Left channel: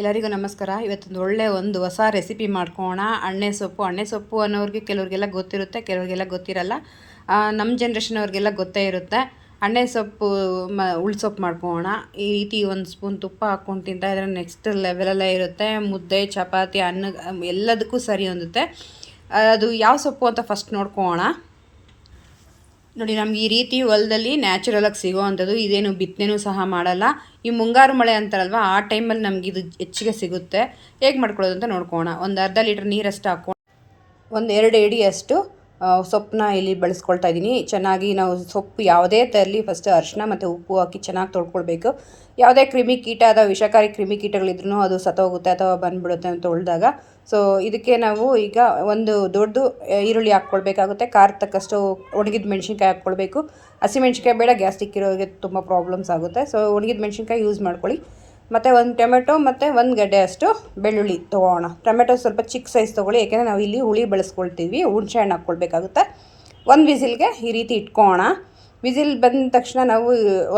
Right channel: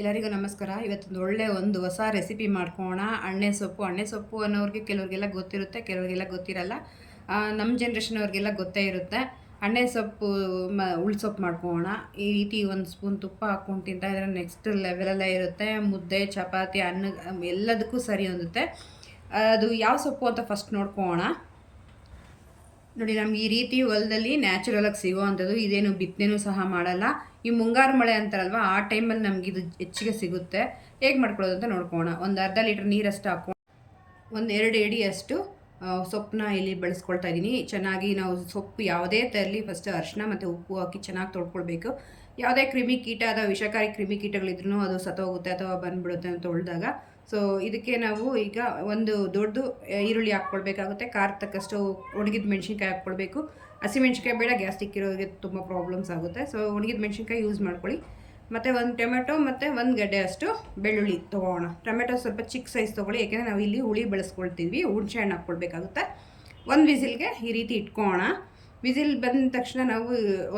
ಎಲ್ಲರಿಗೂ ನಮಸ್ಕಾರ. ಇವತ್ತೊಂದು ಒಳ್ಳೆ ಹೊಸ ರೆಸಿಪಿ ಮಾಡ್ಕೊಳ್ಳೋಣ. ಅಣ್ಣೆ ಸೊಪ್ಪು ಅನ್ನೋರಿಗೆ ಕೆಲವರಿಗೆಲ್ಲ ಗೊತ್ತಿರುತ್ತೆ, ಕೆಲವರಿಗೆಲ್ಲ ಗೊತ್ತಿರಲ್ಲ. ನಮ್ಮ ಜನ್ರೇಷನ್ ಅವ್ರಿಗೆಲ್ಲ ಗೊತ್ತೇ ಇರುತ್ತೆ. ಅಣ್ಣೆ ಸೊಪ್ಪು ಉಳ್ಸೊಪ್ಪು ಮಾಡ್ಕೊಳ್ಳೋಣ. ಈ ರೀತಿ ಒಂದು ಸ್ಪೂನ್ ತುಪ್ಪ ಹಾಕ್ಕೊಂಡು ತಿಂತಾ ಇದ್ರೆ ನೆಕ್ಸ್ಟ್ ಲೆವೆಲಲ್ಲೇ ಇರುತ್ತೆ. ಮುದ್ದೆ, ಚಪಾತಿ, ಅನ್ನ ಎಲ್ಲದಕ್ಕೂ ಸರಿ ಹೊಂದುತ್ತೆ. ಅದು ಯಾವ ಸೊಪ್ಪು ಅಂತ ಫಸ್ಟ್ ನೋಡ್ಕೊಳ್ಳೋಣ. ನೋಡಿ, ನಮ್ಗೆ ಈ ರೀತಿ ಹೊಲದಲ್ಲಿ ನ್ಯಾಚುರಲಾಗಿ ಸಿಗೋ ಅಂಥದ್ದು. ಇದೇನು ಬಿತ್ತನೆನೂ ಸಹ ಮಾಡಲ್ಲ. ಈ ಮುಂಗಾರು ಮಳೆ ಅಂತಾರಲ್ವ, ಆ ಟೈಮಲ್ಲಿ ನಮಗಿದು ಹೆಚ್ಚಿಗೆ ಸಿಗುತ್ತೆ. ಹೇಗೆ ಮಾಡ್ಕೊಳ್ಳೋದು ಅಂತ ನೋಡ್ಕೊಳ್ಳೋಣ. ಒಂದು ಅರ್ಧ ಲೀಟ್ರ್ ನೀರಷ್ಟು ಹಾಕ್ಕೊಂಡು ಒಂದು 2 ಇಡಿಯಷ್ಟು ಸೊಪ್ಪನ್ನ ಇಲ್ಲಿ ಬಳಸ್ಕೊಳ್ತಾ ಇದ್ದೀನಿ. ಚೆನ್ನಾಗಿ ನಾವು ಸೊಪ್ಪು ಯಾವುದೇ ತರಲಿ ಫಸ್ಟ್ ಅರಿಶಿನ ಮತ್ತು ಉಪ್ಪು ಹಾಕಿ ಚೆನ್ನಾಗಿ ತೊಳ್ಕೊಳ್ಬೇಕು. ಯಾವುದೇ ಕ್ರಿಮಿಕೀಟ ಅಥವಾ ವಿಷಕಾರಿ ಕ್ರಿಮಿಕೀಟಗಳಿದ್ರೂ ಅದು ಸತ್ತೋಗುತ್ತೆ ಅಥವಾ ಬಂದುಬಿಡುತ್ತೆ ಅಂತ ತೊಳೆದಾಗ. ಸೊ ಇದಕ್ಕೆ ನಾವು ಈಗ ಒಂದು ದೊಡ್ಡ ಈರುಳ್ಳಿ ಹಾಕ್ಕೊಳ್ಬೇಕಾಗುತ್ತೆ. ಖಾರ ತಕ್ಕಷ್ಟು ಒಣಗಿದ ಮೆಣಸಿನ್ಕಾಯಿ ಹಾಕ್ಕೊಳ್ಬೇಕು. ಹಸಿಮೆಣ್ಸಿನ್ಕಾಯಿ ಬೇಡ, ಗ್ಯಾಸ್ಟ್ರಿಕ್ ಇರೋರಿಗೆ ತುಂಬ ಪ್ರಾಬ್ಲಮ್ಸ್ ಆಗುತ್ತೆ. ಸೊ ಒಣಗಿದ ಮೆಣಸಿನ್ಕಾಯಿ ಯೂಸ್ ಮಾಡ್ಕೊಳ್ಳಿ. ಮತ್ತು ಒಂದು ಟೊಮೆಟೊ ಮತ್ತು ಒಂದು ಗಡ್ಡೆ ಅಷ್ಟು ಬೆಳ್ಳುಳ್ಳಿ ತೊಗೊಳ್ಳೋಣ. ಟೊಮೆಟೊ ಸ್ವಲ್ಪ ಚಿಕ್ಕ ಸೈಜ್ ತೊಗೊಳ್ಳಿ, ಯಾಕೆಂದರೆ ನಾವು ಇಲ್ಲಿ ಹುಳಿ ಬೆಳೆಸ್ಕೊಳ್ತೀವಿ. ಹುಣಸೆ ಹಣ್ಣು ಹಾಕ್ಕೊಳ್ಬೇಕಾಗುತ್ತೆ. ಒಂದು ವಿಸಿಲ್ಗೆ ಈ ರೀತಿ ಇಟ್ಕೊಳ್ಳೋಣ. ವಿಸಿಲ್ ಬಂದ ತಕ್ಷಣ ನಾವು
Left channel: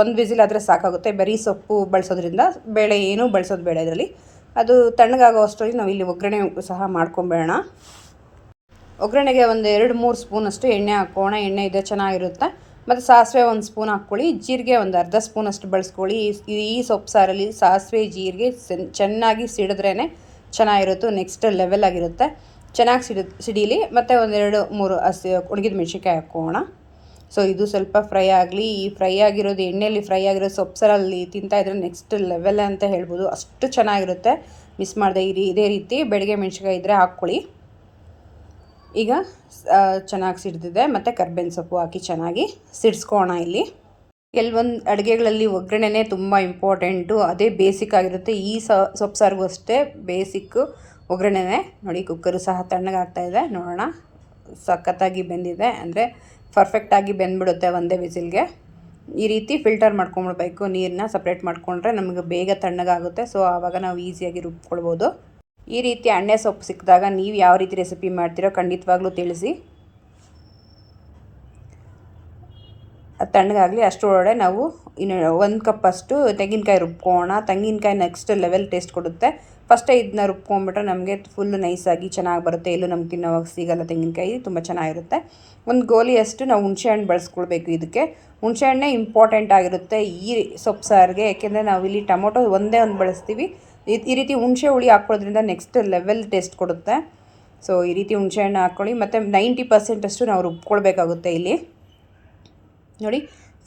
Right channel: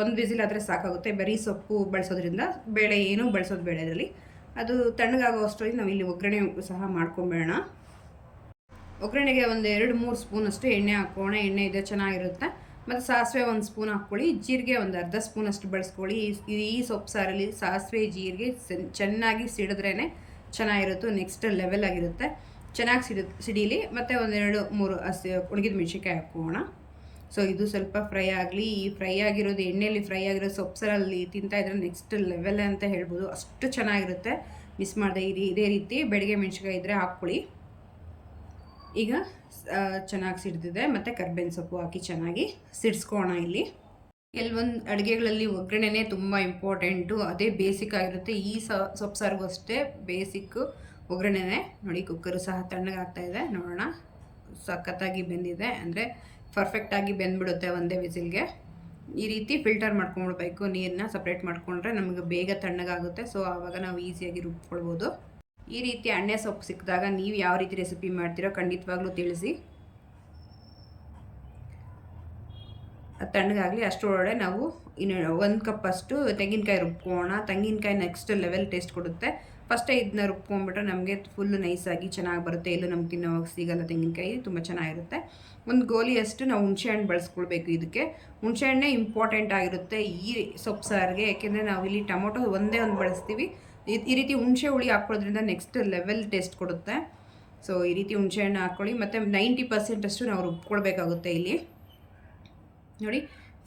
ಒಂದು ವಿಸಿಲ್ ಆದರೆ ಸಾಕಾಗುತ್ತೆ. ಬರೀ ಸೊಪ್ಪು ಬಳಸೋದ್ರಿಂದ ಬೇಳೆ ಏನೂ ಬಳಸೋದು ಬೇಡ ಇದರಲ್ಲಿ. ಅದು ತಣ್ಣಗಾಗೋ ಅಷ್ಟರಲ್ಲಿ ನಾವು ಇಲ್ಲಿ ಒಗ್ಗರಣೆ ಸಹ ಮಾಡ್ಕೊಂಬೇಡೋಣ. ಒಗ್ಗರಣೆಗೆ ಒಂದು 2-3 ಸ್ಪೂನಷ್ಟು ಎಣ್ಣೆ ಹಾಕ್ಕೋಣ. ಎಣ್ಣೆ ಇದೆ ಚೆನ್ನಾಗಿರುತ್ತೆ. ಮತ್ತು ಸಾಸಿವೆ 1 ಸ್ಪೂನ್ ಹಾಕ್ಕೊಳ್ಳಿ. ಜೀರಿಗೆ ಒಂದು ಅರ್ಧ ಸ್ಪೂನಷ್ಟು ಬಳಸ್ಕೊಳ್ಳಿ. ಈ ಸೊಪ್ಪು ಸಾರಲ್ಲಿ ಸಾಸಿವೆ ಜೀರಿಗೆ ಚೆನ್ನಾಗಿ ಸಿಡಿದ್ರೇ ಚೆನ್ನಾಗಿರುತ್ತೆ. ನೆಕ್ಸ್ಟ್ ಲೆವೆಲ್ ಆಗಿರುತ್ತೆ. ಚೆನ್ನಾಗಿ ಸಿಡೀಲಿ. ಮತ್ತು 1-2-3 ಒಣಗಿದ ಮೆಣಸಿನ್ಕಾಯಿ ಹಾಕ್ಕೋಣ. ಸೊ ಇದು ಸ್ವಲ್ಪ ಫ್ರೈ ಆಗಲಿ. ಈ ಫ್ರೈ ಆಗಿರೋದು ಎಣ್ಣೆಯಲ್ಲಿ ಫ್ರೈ ಆಗಿರೋ ಸೊಪ್ಪು ಸಾರಲ್ಲಿ ತಿಂತಾಯಿದ್ರೆ ನೆಕ್ಸ್ಟ್ ಲೆವೆಲ್ ಅಂತ ಹೇಳ್ಬೋದು. ಅಷ್ಟು ಚೆನ್ನಾಗಿರುತ್ತೆ. ಮಿಸ್ ಮಾಡಿದೆ. ಇದೇ ರೀತಿ ಬೆಳಗ್ಗೆ ಮೆಣಸಿನ್ಕಾಯಿ ಇದ್ದರೆ ಹಾಕ್ಕೊಳ್ಳಿ. ಈಗ ಚೆನ್ನಾಗಿ ಸಿಡ್ದಿದೆ. ಮತ್ತು ಕರ್ಬೇವಿನ ಸೊಪ್ಪು ಹಾಕಿ ಚೆನ್ನಾಗಿ ಸಿಡಿಸ್ಕೋಣ. ಇಲ್ಲಿ ಕೆಲವೊಂದು ಅಡುಗೆಗಳಲ್ಲಿ ಒಗ್ಗರಣೆನೇ ತುಂಬ ಇಂಪಾರ್ಟೆಂಟು. ಅದೇ ಬೇಸಿಕ್ ಆಗಿರುತ್ತೆ. ಈ ಸೊಪ್ಪು ಸಾರಿಗೂ ಅಷ್ಟೇ ಬೇಸಿಕ್ಕು ಒಗ್ಗರಣೆನೇ. ನೋಡಿ, ಕುಕ್ಕರು ಸಹ ತಣ್ಣಗಾಗ್ತಾಯಿದೆ. ನೋಡೋಣ, ಸಖತ್ತಾಗಿ ಬೆಂದಿದೆ. ಅಂದರೆ ಪರ್ಫೆಕ್ಟಾಗಿ ಬೆಂದ್ಬಿಡುತ್ತೆ ಒಂದೇ ವಿಸಿಲ್ಗೆ. ಈ ರೀತಿ ಫಿಲ್ಟರ್ ಮಾಡ್ಕೊಂಬಿಡ್ಬೇಕು. ನೀರನ್ನ ಸಪ್ರೇಟ್ ಮಾಡಿಕೊಂಡ್ರೆ ನಮಗೆ ಬೇಗ ತಣ್ಣಗಾಗುತ್ತೆ. ಸೊ ಆವಾಗ ನಾವು ಈಸಿಯಾಗಿ ರುಬ್ಕೊಳ್ಬೋದು. ಈ ರೀತಿ ಅಣ್ಣೆ ಸೊಪ್ಪು ಸಿಕ್ಕಿದಾಗ ನೀವು ಯಾವ ರೀತಿ ರೆಸಿಪಿ ಮಾಡ್ತೀರೋ ಖಂಡಿತವಾಗ್ಲೂ ತಿಳಿಸಿ. ಅದು ತಣ್ಣಗಾಗಲಿ. ಅಷ್ಟರೊಳಗಡೆ ನಾವು ಇನ್ನು 1 ಕಪ್ಪಷ್ಟು ತೆಂಗಿನಕಾಯಿ ರುಬ್ಕೊಳ್ಳೋಣ. ತೆಂಗಿನಕಾಯಿ ನೆಕ್ಸ್ಟ್ ಲೆವೆಲ್ ಟೇಸ್ಟ್ ಕೊಡುತ್ತೆ. ಫಸ್ಟೇ ಇದನ್ನ ರುಬ್ಕೊಂಡ್ಬಿಟ್ರೆ ನಮಗೆ ಫುಲ್ಲು ನೈಸಾಗಿ ಚೆನ್ನಾಗಿ ಬರುತ್ತೆ. ಎಲ್ಲೂ ನಮ್ಗೆ ತಿನ್ನೋವಾಗ ಸಿಗೋಲ್ಲ. ತೆಂಗಿನಕಾಯಿ ತುಂಬ ಚೆನ್ನಾಗಿರುತ್ತೆ. ಒಂದು ಗೋಲಿಯಷ್ಟು ನಾವು ಹುಣಸೆಹಣ್ಣು ಬಳಸ್ಕೊಳ್ಬೇಕು. ಇದಕ್ಕೆ ಹುಣಸೆಹಣ್ಣೇ ಇಂಪಾರ್ಟೆಂಟ್ ಆಗಿರುತ್ತೆ ಈ ಸೊಪ್ಪು ಸಾರಿಗೆ. ಯಾಕೆಂದರೆ ನಾವು ಇಲ್ಲಿ ಟೊಮೊಟೊ ಒಂದೇ ಒಂದು ಬಳಸ್ತೀವಿ. ಈ ರೀತಿ ಹುಣಸೆ ಹುಳಿ ಹಾಕ್ಕೊಳ್ಳೋದ್ರಿಂದ ನೆಕ್ಸ್ಟ್ ಲೆವೆಲ್ ಟೇಸ್ಟ್ ಕೊಡುತ್ತೆ. ಸೊ ಈ ರೀತಿ ಹುಣಸೆಹಣ್ಣು ಹಾಕ್ಕೊಳ್ಳಿ. ಮತ್ತು 90% ಅಷ್ಟು ನಾವು ರುಬ್ಕೊಳ್ಬೇಕಾಗುತ್ತೆ. ಇಲ್ಲಿ ನೋಡಿ,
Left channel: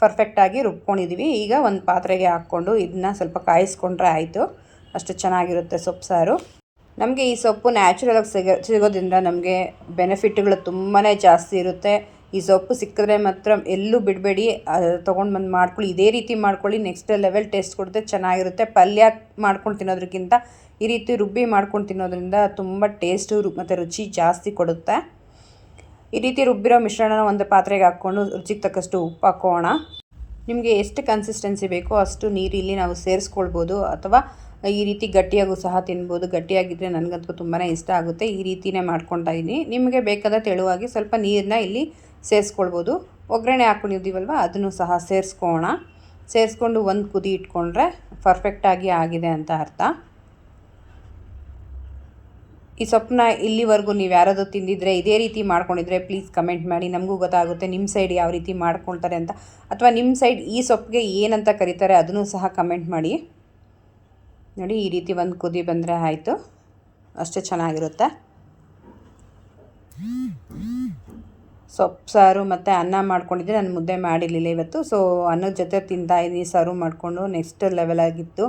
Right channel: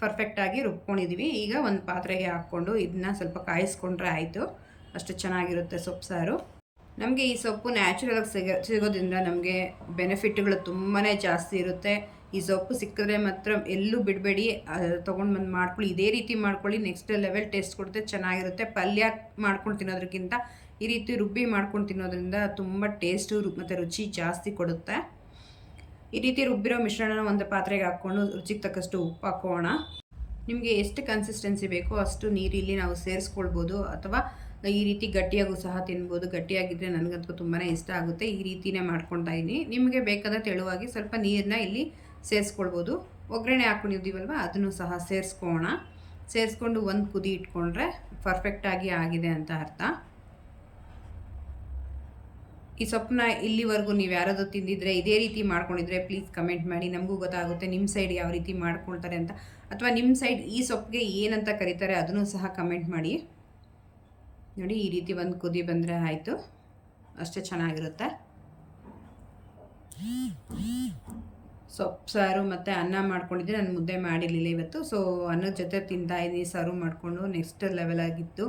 ಪರ್ಫೆಕ್ಟಾಗಿ ರುಬ್ಕೊಂಡಿದ್ದೀವಿ. ಈಗ ಒಂದು ಪಾತ್ರೆಗೆ ಹಾಕ್ಕೊಂಡು ಇದನ್ನ ಸ್ವಲ್ಪ ಕಾಯಿಸ್ಕೊಂಡ್ರೆ ಆಯಿತು. ಅಷ್ಟು ಚೆನ್ನಾಗಿರುತ್ತೆ ಸೊಪ್ಪು ಸಾರು. ನಮಗೆ ಈ ಸೊಪ್ಪು ನ್ಯಾಚುರಲಾಗಿ ಸಿಗೋದ್ರಿಂದ ನಮಗೆ ಬೆನಿಫಿಟ್ಗಳು ತುಂಬಾ ಜಾಸ್ತಿ ಇರುತ್ತೆ. ಈ ಸೊಪ್ಪು ಸಿಕ್ಕಿದ್ರೆ ಮಾತ್ರ ಎಲ್ಲೂ ಬಿಡಬೇಡಿ, ತೊಗೊಂಡು ಬಂದು ಮಾಡ್ಕೊಳ್ಳಿ. ಇದೇ ರೀತಿ ಮಾಡ್ಕೊಳ್ಳಿ. ನೆಕ್ಸ್ಟ್ ಲೆವೆಲ್ ಟೇಸ್ಟ್ ಕೊಡುತ್ತೆ, ಚೆನ್ನಾಗಿರುತ್ತೆ. ಪಲ್ಯ ಮಾಡ್ಕೊಂಡು ತಿನ್ನೋದಕ್ಕಿಂತ ಈ ರೀತಿ ರುಬ್ಬಿ ಮಾಡ್ಕೊಂಡು ತಿನ್ನೋದ್ರಿಂದ ತುಂಬ ಟೇಸ್ಟು ಮತ್ತು ರುಚಿ ಜಾಸ್ತಿ ಕೊಡುತ್ತೆ. ಈ ರೀತಿ ರುಬ್ಬಿರೋ ಮಿಶ್ರಣನ ಒಂದು ಪಾತ್ರೆಗೆ ಹಾಕ್ಕೊಂಡು ರುಚಿಗೆ ತಕ್ಕಷ್ಟು ಉಪ್ಪು ಹಾಕೋಣ. ನಿಮಗೆ ಎಷ್ಟು ಕನ್ಸಿಸ್ಟೆನ್ಸಿ ಬೇಕೋ ಅಷ್ಟು ನೀರು ಇಲ್ಲಿ ನಾವು ಸೇರಿಸ್ಕೊಳ್ಬೋದು. ಅಥವಾ ಈ ರೀತಿ ಗಟ್ಟಿಯಾಗೂ ಸಹ ತಿನ್ಬೋದು. ಗಟ್ಟಿಯಾಗಿದ್ದರೆ ನನಗಂತೂ ತುಂಬಾ ಇಷ್ಟ ಆಗುತ್ತೆ. ಈ ರೀತಿಯೇ ಮಾಡ್ಕೊಳ್ತಾ ಇದ್ದೀನಿ. ನಿಮಗೆ ಬೇಕಾದ ತೆಳುವಾಗಿ ಸ್ವಲ್ಪ ನೀರನ್ನ ಇಲ್ಲಿ ಸೇರಿಸ್ಕೊಳ್ಬೋದು. ಒಗ್ಗರಣೆ ಹಾಕ್ಕೊಂಡಿದ್ದೀವಲ್ವ, ಅದನ್ನು ಸಹ ಸೇರಿಸ್ಕೊಂಡು ಒಂದು ಕುದಿ ಇಟ್ಕೊಂಡ್ರೆ ಪರ್ಫೆಕ್ಟಾಗಿ ಆಗಿದೆ ಅಂತ ಅರ್ಥ. ಈ ಸೊಪ್ಪನ್ನ ಇಲ್ಲಿವರೆಗೂ ನೀವು ಯಾರಾದರೂ ತಿಂದಿದ್ರೆ, ಇದೇ ರೀತಿ ಮಾಡ್ಕೊಂಡಿದ್ರೆ ಪ್ಲೀಸ್ ಕಮೆಂಟ್ ಮಾಡಿ. ನಮಗೂ ಗೊತ್ತಾಗುತ್ತೆ ನಿಮ್ಮ ಸೈಡ್ ಯಾವ ರೀತಿ ಮಾಡ್ಕೊಳ್ತಾರೆ ಅಂತ. ಅಥವಾ ನಿಮ್ಮ ಸೈಡ್ ಈ ಸೊಪ್ಪಿಗೆ ಏನಂತ ಕರೀತಾರೆ ಅದನ್ನು ಸಹ ಕಮೆಂಟ್ ಮಾಡಿ. ನೋಡಿ, ಈ ರೀತಿ ಒಂದು ಕುದಿ ಬಂದರೆ ಆಯಿತು. ಅಷ್ಟೇ ಚೆನ್ನಾಗಿರುತ್ತೆ. ಸೊಪ್ಪು ಸಾರು ಮತ್ತು ಅನ್ನ ಮಾಡ್ಕೊಂಡಿದ್ದೆ. ನಾನು ಮುದ್ದೆ ಮಾಡಿರಲಿಲ್ಲ ಇವತ್ತು. ಸೊ ಅನ್ನದ ಜೊತೆ ತಿಂತಾಯಿದ್ದೀನಿ ಸರ್ವ್ ಮಾಡಿಕೊಂಡು. ನೆಕ್ಸ್ಟ್ ಲೆವೆಲ್ ಆಗಿತ್ತು.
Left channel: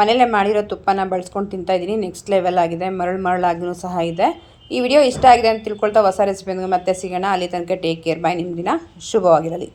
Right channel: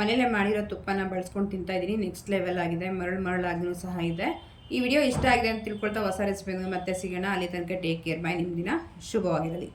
ಮನೇಲೆ ಮಾಡಿರೋ ತುಪ್ಪನ ಬಳಸ್ಕೊಂಡು ತಿಂತಾಯಿದ್ದೀನಿ. ನೆಕ್ಸ್ಟ್ ಲೆವೆಲ್ ಆಗಿದೆ. ಮರಳಾಗಿನೂ ಸಹ ಇದೆ. ಈ ವಿಡಿಯೋ ಇಷ್ಟ ಆಗಿದೆ ಅಂತ ತಿಳ್ಕೊಳ್ತಾ ಹೊಸ ರೆಸಿಪಿ ಮತ್ತೆ ಸಿಗೋಣ. ಅಲ್ಲಿ ತನಕ ಟೇಕ್ ಕೇರ್. ಬಾಯ್. ನಿಮ್ಮ ದಿನ ಶುಭವಾಗಿರಲಿ.